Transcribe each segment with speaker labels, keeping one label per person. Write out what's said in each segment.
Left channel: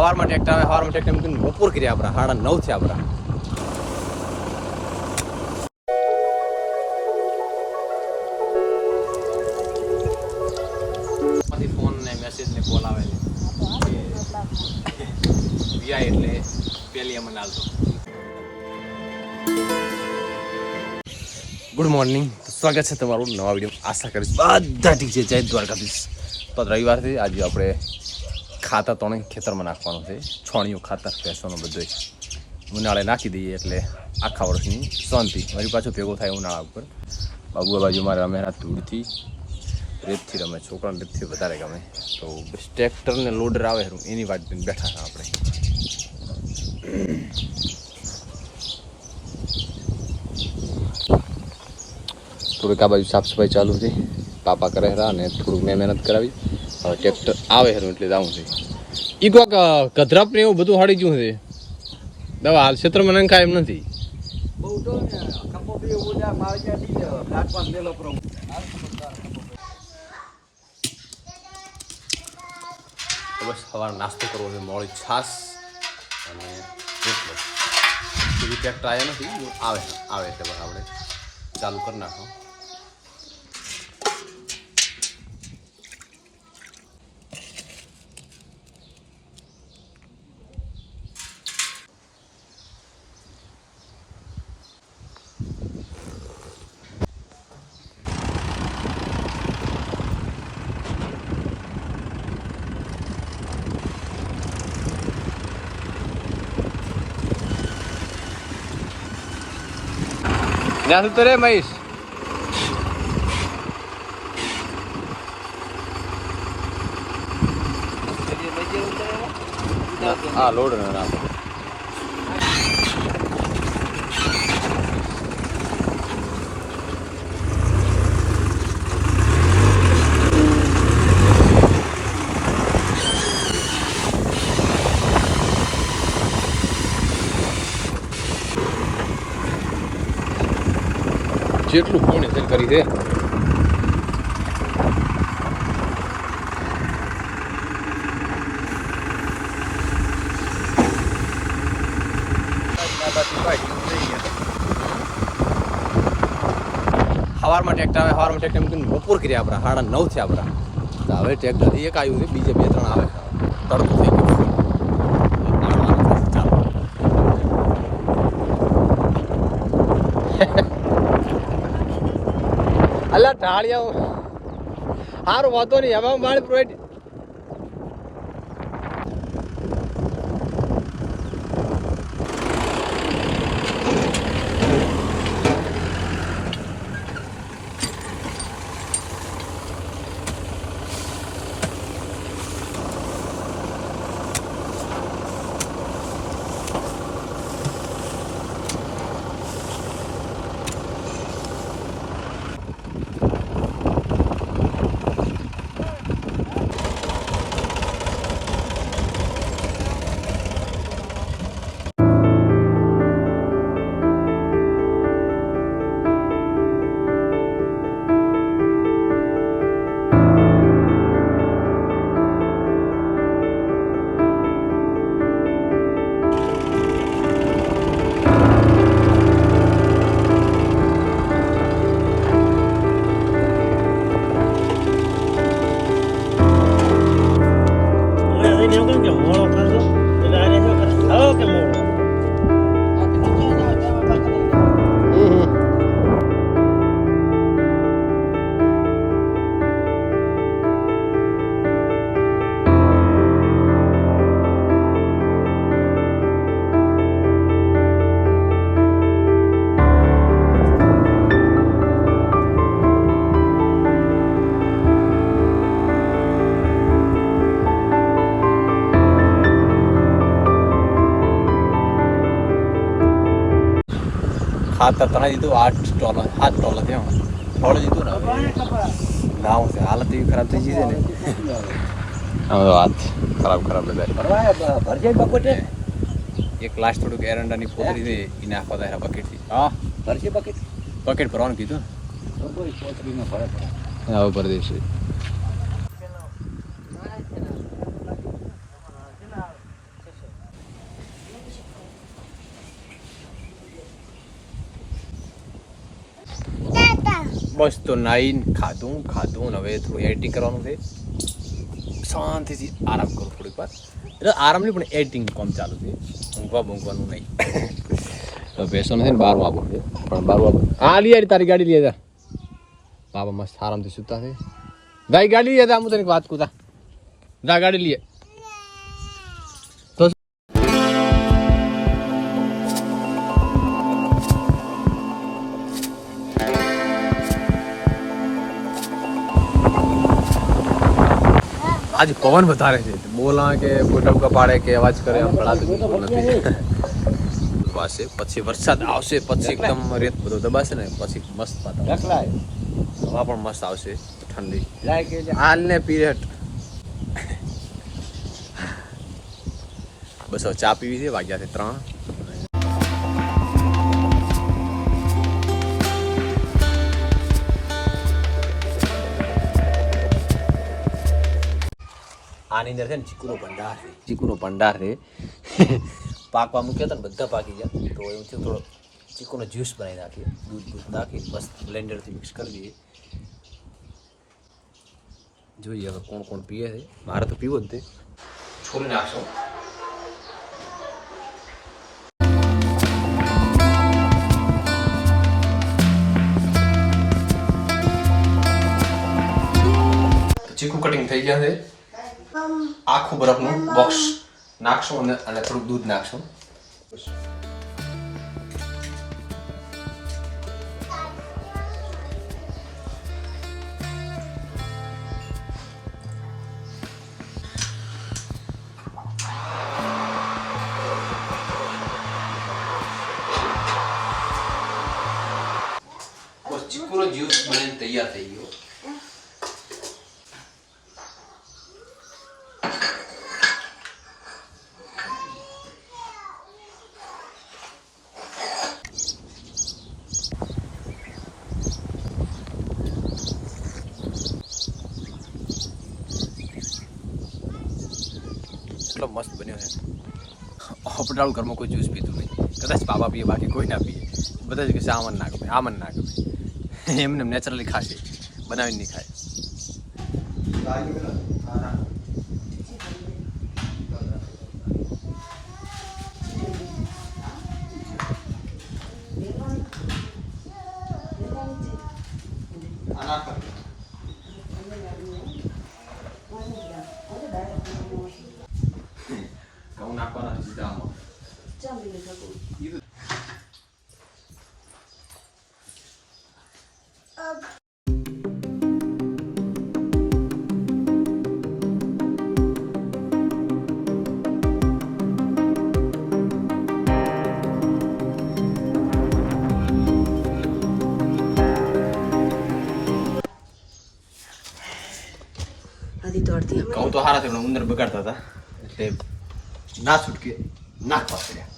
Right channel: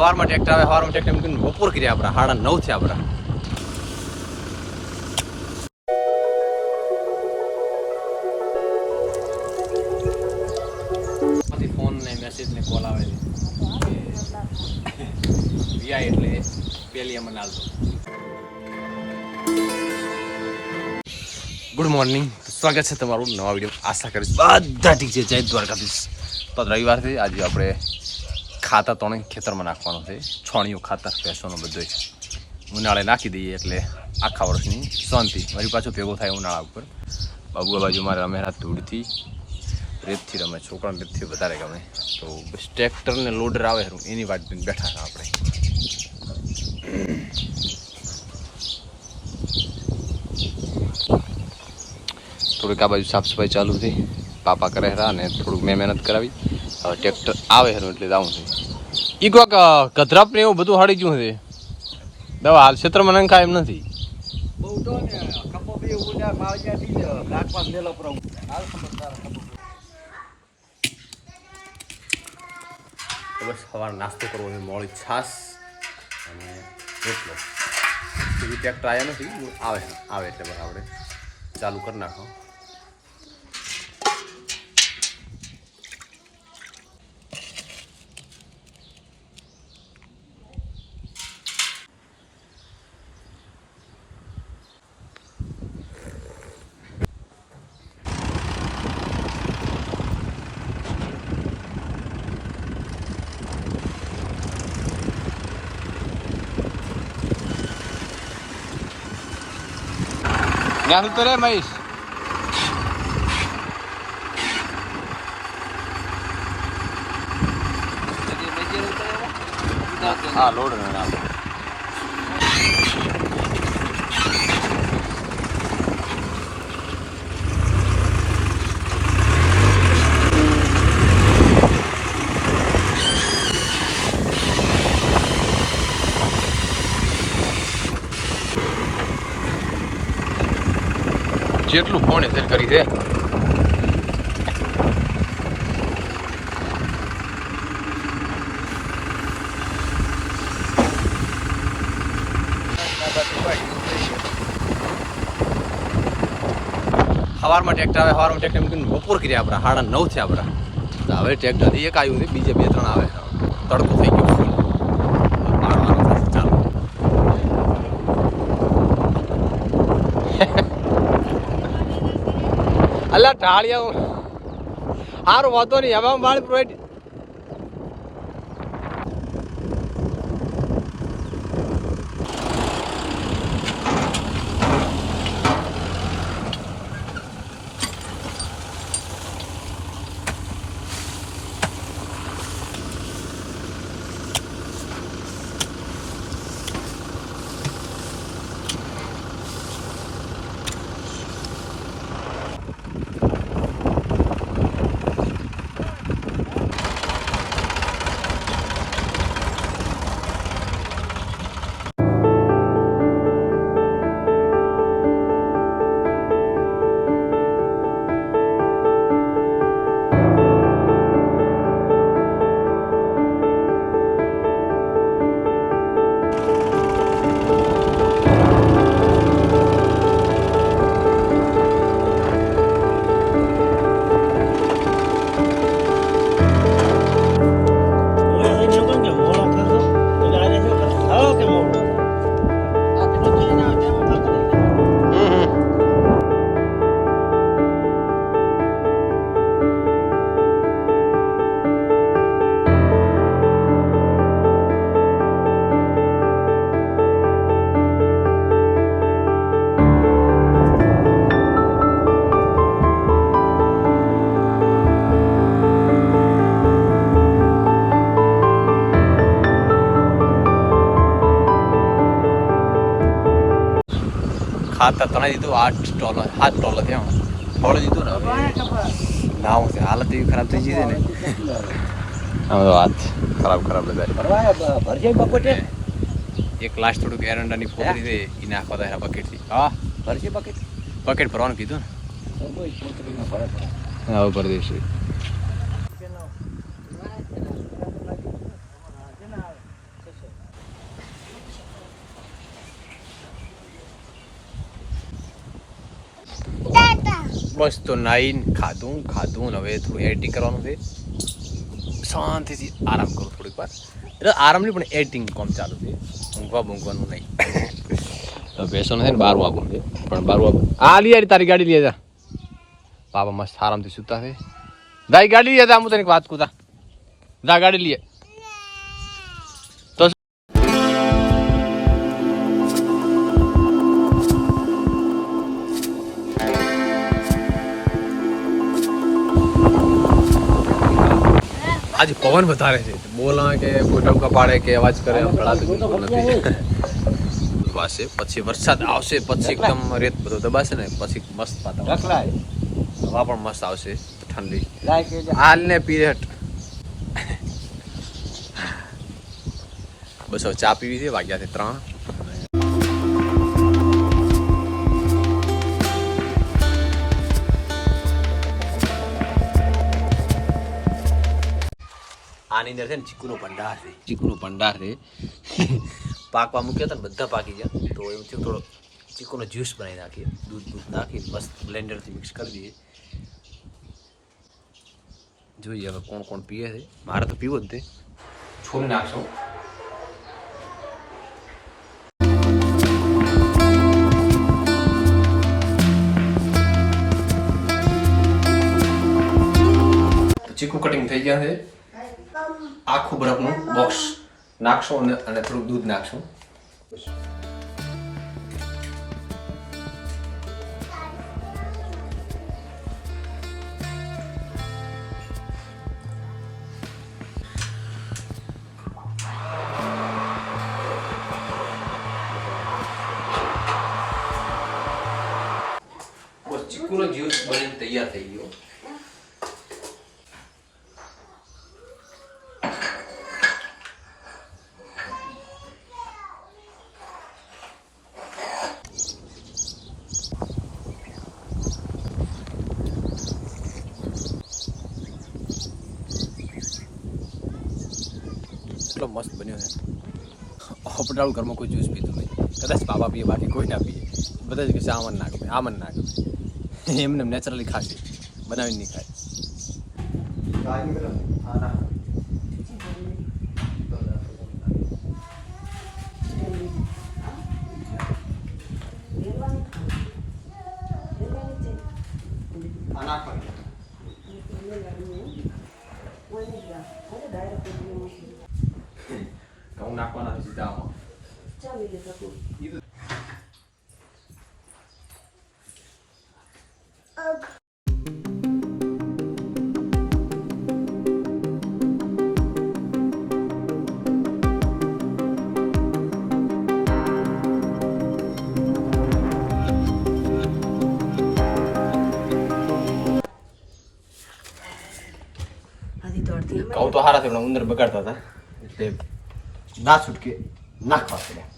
Speaker 1: સવારમાં ટ્રેક્ટર આવે સવારમાં ટ્રેક્ટર મૂકીને બપોર કર્યા આપણા સાડા નવ થયા આપણા. પછી ફોન ને મેસેજ ને કોલ આવે છે. રિયા એટલે પેલી અમને હાલતો. ગુડ મોર્નિંગ સ્વાગત છે તમારું નવા વીડિયો આશા કરીશ બધા ઠીક છે. જય દ્વારકાધીશ. તો રવિવારથી આજે આપણે ખાતર તો ખેતરમાં નાખવાનું છે. છોણિયું ખાતર, ભેંસોનું બધું ઉનાળે નાખી દઈએ એટલે આખા વર્ષની શાંતિ. મારી પાછું ભેગો થાય ઉનાળા ઉપર. બાબુ બાજુ મારે અમે ધૂળથી, રેતથી રમે. છોકરાને રેતથી વધારે ગમે. તો બસ ટ્રેક્ટર ને લોડર આવે એની. વાત બેઠા હતા આપણે. થોડીક આ બાજુ સાફ સફાઈ ચાલુ હતી પાપા કરે રહ્યા અને થોડુંક મેં મહેનત કરાવી. ટ્રેક્ટર આવે છે એટલે જવું છે. એ કોક ગધરાપ ને એવું બધું હાડી ગયું છે. દવા હાલ ક્ષેત્રમાં નંખાય એમ નથી. બસ સવારે નાસ્તો કરવો છે મોડી છાસ અને રોટલો. એવી ટ્રેક્ટર આવ્યા નથી આવે આવે એટલે આપણે ચાલુ કરી નાખો. ત્યાં સુધી તો રે મહેશ હા લોડ ના જેટલું કોણે તે કરી દે. હવારમાં ટ્રેક્ટર આવે સવારમાં ટ્રેક્ટર મૂકીને બપોર કર્યા આપણે. સાડા નવ થયા આપણે. હવે ટ્રેક્ટર એક આવ્યું છે, બીજે બે ત્રણ આવે. તડકો થઈ ગયો. અલ્લા ટાળિયા સારું વાંધો નહીં. હવે મારી પ્રોવાઈડ ખાતર તણે દીધું આઠ ટોલ સાત ટોલ થયા ટોલ દીધું ને ના હું છે હાલત એવી ખરાબ થઈ છે ને. હવે હાથ ખરાબ ખરાબ બધા એક લાસ્ટ થોડુંક એરંડાની ફોતરી છે એ નાખવા હતા બકેટથી. હા?
Speaker 2: ભરજે બકેટ?
Speaker 1: બકેટ ભરવાનું કીધું. ને? હવે પરદેશ મસ્ત નાઈન ખાધું ખાધું ને હવે થોડું એડિટિંગ કરવાનું છે. શાંતિથી આરામ કરું થોડીક વાર. એટલે આરામ નહીં પણ એડિટિંગ કામ ચાલુ છે. ઊંઘવા બૂંઘવાનું નહીં. તો બેસવાનું છે ને આપવું છે પણ બારનું આપવું હા લઈ આવી તારી ગાડી લઈ જા બાબા મસ્ત આરામથી સૂતા છે. દાઈ ગાડી લઈ જા હું તને એક વાત કુતા જા. ગાડી લઈએ આજે પવન વધારે છે. બોલા કે ટપકા પાડે કે અવાજ કરે એમ નથી. દબાશે પછી વરસાદ આવશે પછી એકદમ રેત બધો દબાશે ને પછી મસ્ત
Speaker 2: પાતા
Speaker 1: હવા પણ મસ્ત આવશે ઠંડી. હાલ ને પીરિયડ. બસ હવે ચા પીવી છે વાગ્યા છે ત્રણ. આની અંદર છે ને ચીકુનો ભંડાર છે. ચીકુનો ભંડાર છે. પાકવા મૂક્યા હતા ને બધા પાકી ગયા. તો એવું થયું થોડો ચીકુનો જ્યુસ બનાવી નાખીએ. દૂધ દૂધ નાખીને મસ્ત બ્લેન્ડરથી મિક્સ કરી દઈએ. જોઈએ હવે કોણ કોણ પીએ છે. મારે તો પીવો જ તે. છોડી નાખશો ચીકુ કટિંગ થઈ ગયા છે. આખું બરફનું બોક્સ નાખશો અને થોડુંક દૂધ નાખશો. ચીકુનો જ્યુસ બનીને તૈયાર થઈ ગયો. મસ્ત બન્યો છે. ઓપડાળું ઘરમાં કોઈ જ્યુસ પીતું નહીં. કદાચ બાબા પીએ, બાકી કોઈ ના પીએ. બધા જ કહેશે આમન ના ગમે, આમન ના ગમે. એમને નેચરલી ખાશે, બનાવીને નહીં ખાય. હું નાખવાના નથી સીધા આમાં
Speaker 3: આધી દોડતી અમે
Speaker 1: કહું તો હારા પણ ઉંદર બગાડતા હતા. એટલે ના છૂટકે નાખવા પડ્યા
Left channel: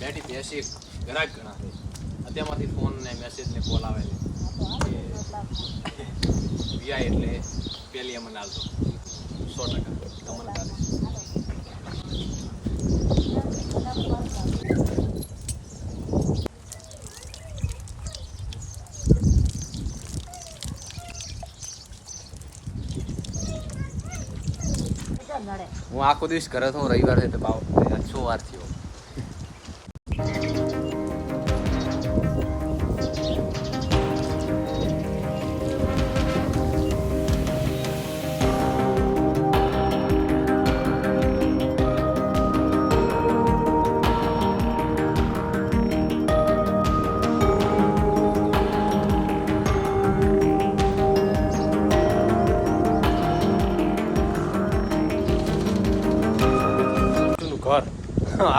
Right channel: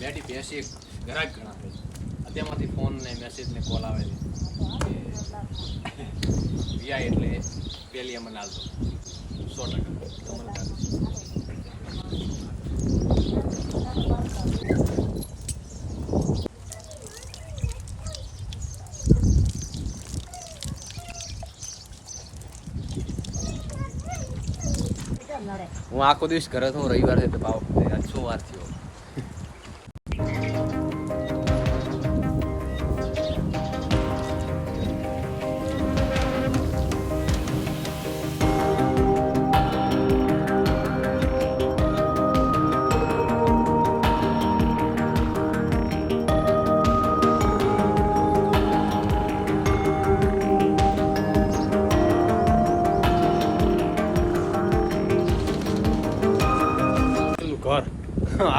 Speaker 1: બેટી બેસી ઘણા છે. અત્યારમાંથી ફોન ને મેસેજ કોલ આવે છે. કે વીઆઈ એટલે પેલી અમને હાલતો. સો ટકા. તમને હું આખો દિવસ ઘરે તો રવિવાર છે, તો પાવ છ વાર થયો?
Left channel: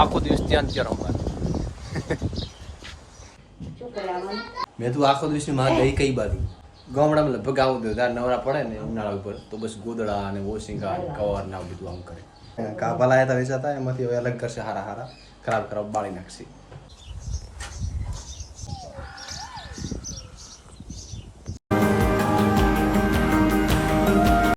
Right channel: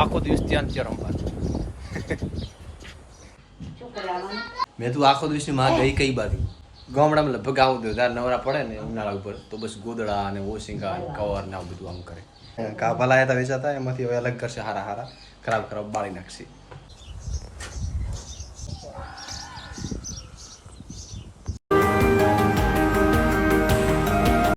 Speaker 1: આખો દિવસ ત્યાં ત્યાં રમવા
Speaker 3: શું કરે આમાં
Speaker 1: મેં તું આખો દિવસની માં ગઈ કઈ બાજુ. ગામડામાં લગભગ આવું હતું તાર નવરા પડે ને ઉનાળા ઉપર, તો બસ ગોદડા અને ઓશિંગા ને કવર ને આવું બધું આમ કરે. કાપા લાયા હતા વેચાતા, એમાંથી હવે અલગ કરશે હારા હારા. ખરાબ ખરાબ બાળી નાખશે.